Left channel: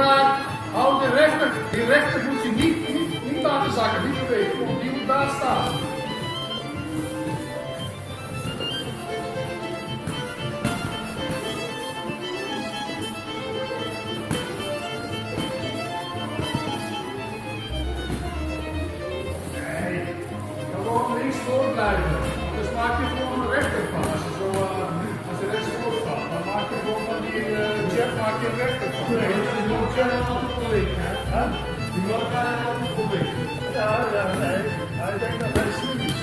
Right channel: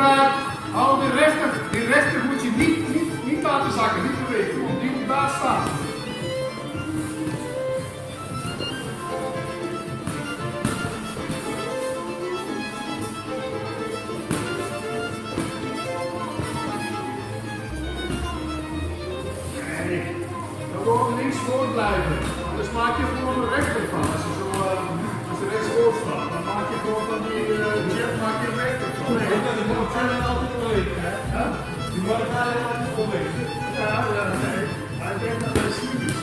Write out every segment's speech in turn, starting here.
elkaar. Hou die rechter moet je niet laten zakken, niet bewegen. Die moet daar staan. Nee, gewoon links voor blijven. Dus maak je gewoon een rechter van. Als je rechts voor staat, dan maak je gewoon van die jet, maak je een rechter van. Die mag gaan altijd bewegen, hè? Die mag gaan altijd bewegen. Ja, nee. Maar ik denk dat hij slim is.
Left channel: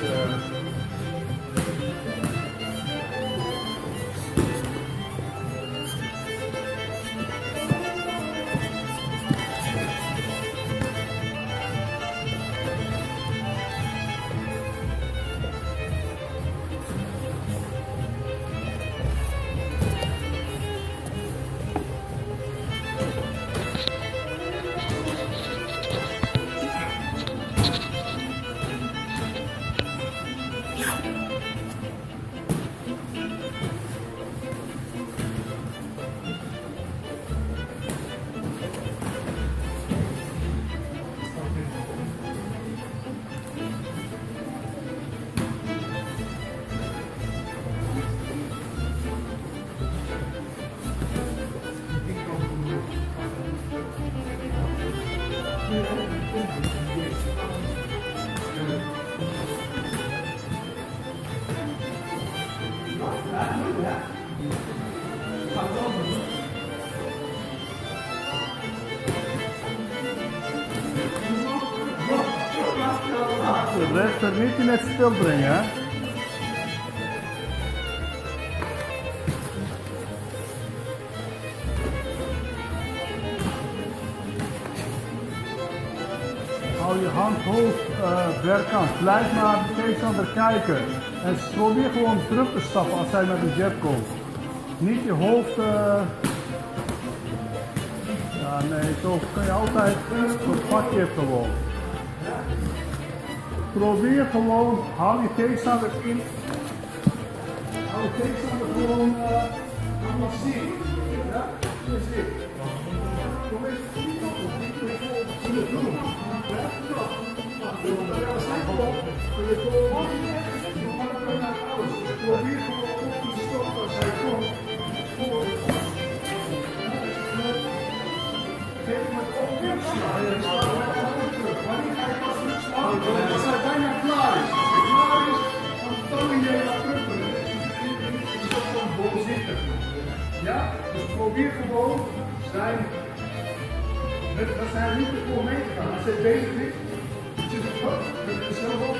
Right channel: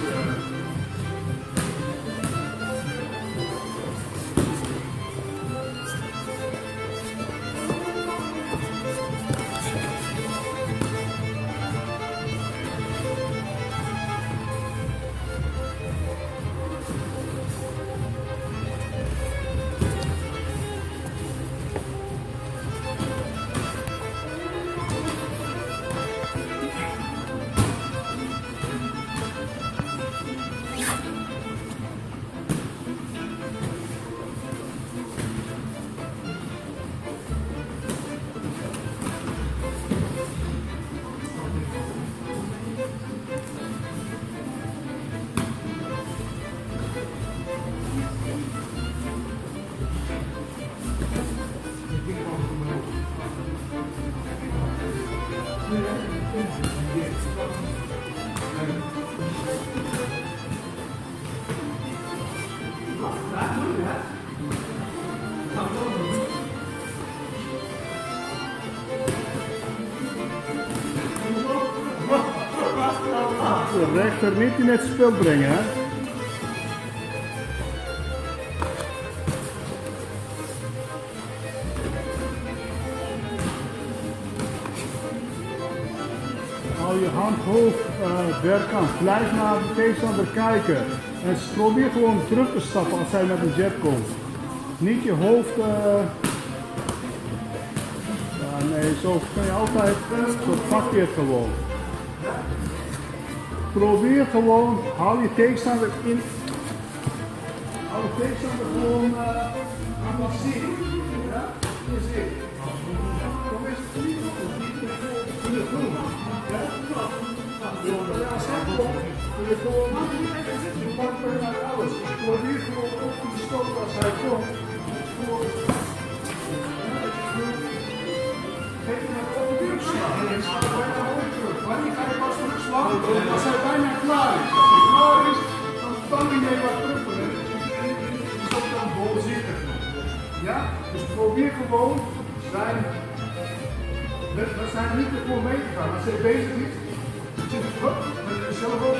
De rechter niet in het spel brengen, hè? Hou je hand hoog bergkant. Blijf naar de tegenstander kijken. En probeer gewoon terug te stappen als hij met een jet komt. Niet je hoofd... Ja, nee, zo kun je altijd... Zo pak je het gewoon. Probeer gewoon, hou je tegenstander in. Hou je tegenstander gewoon aan het zien. Ja, is dit. Kom eens niet op de groen. Ja, als hij komt, kun je gewoon, je pakt hem naar alles. Probeer gewoon op die stoot als hij komt. Geef hem het ook terugslaan. Maar niet hij pas terugslaan. Als hij bijna klaar is. Als hij klaar is, dan tang je wat terug. Die stopt dan bol zitten. Ja? Dus probeer gewoon zijn. We zijn niet ervoor mee te gaan. Als hij bezig is, zit het goed. Met zichzelf op.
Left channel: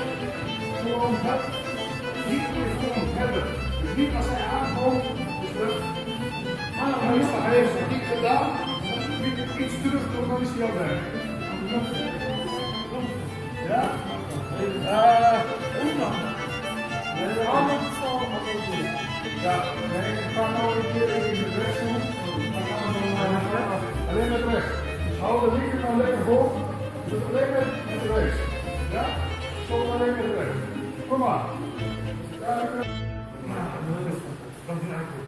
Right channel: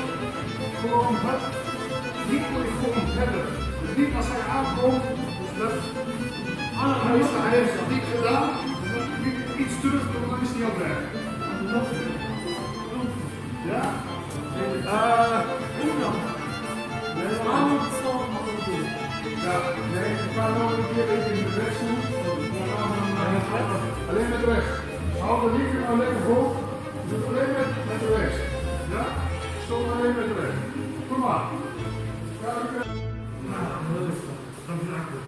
Gewoon dat. Niet voor je volgend hebben. Dus niet als hij aankomt. Dus dat. Hij heeft het niet gedaan. Iets terugkomt, dan is hij al weg. Ja? Hoe dan? Nee, dan allemaal doen. Ja, nee, we gaan nog een keer even in de weg doen. Alleen met rechts. Hou de linker nou lekker hoog. Doe alleen met rechts. Ja? Stop alleen met rechts. Kom maar. Ja,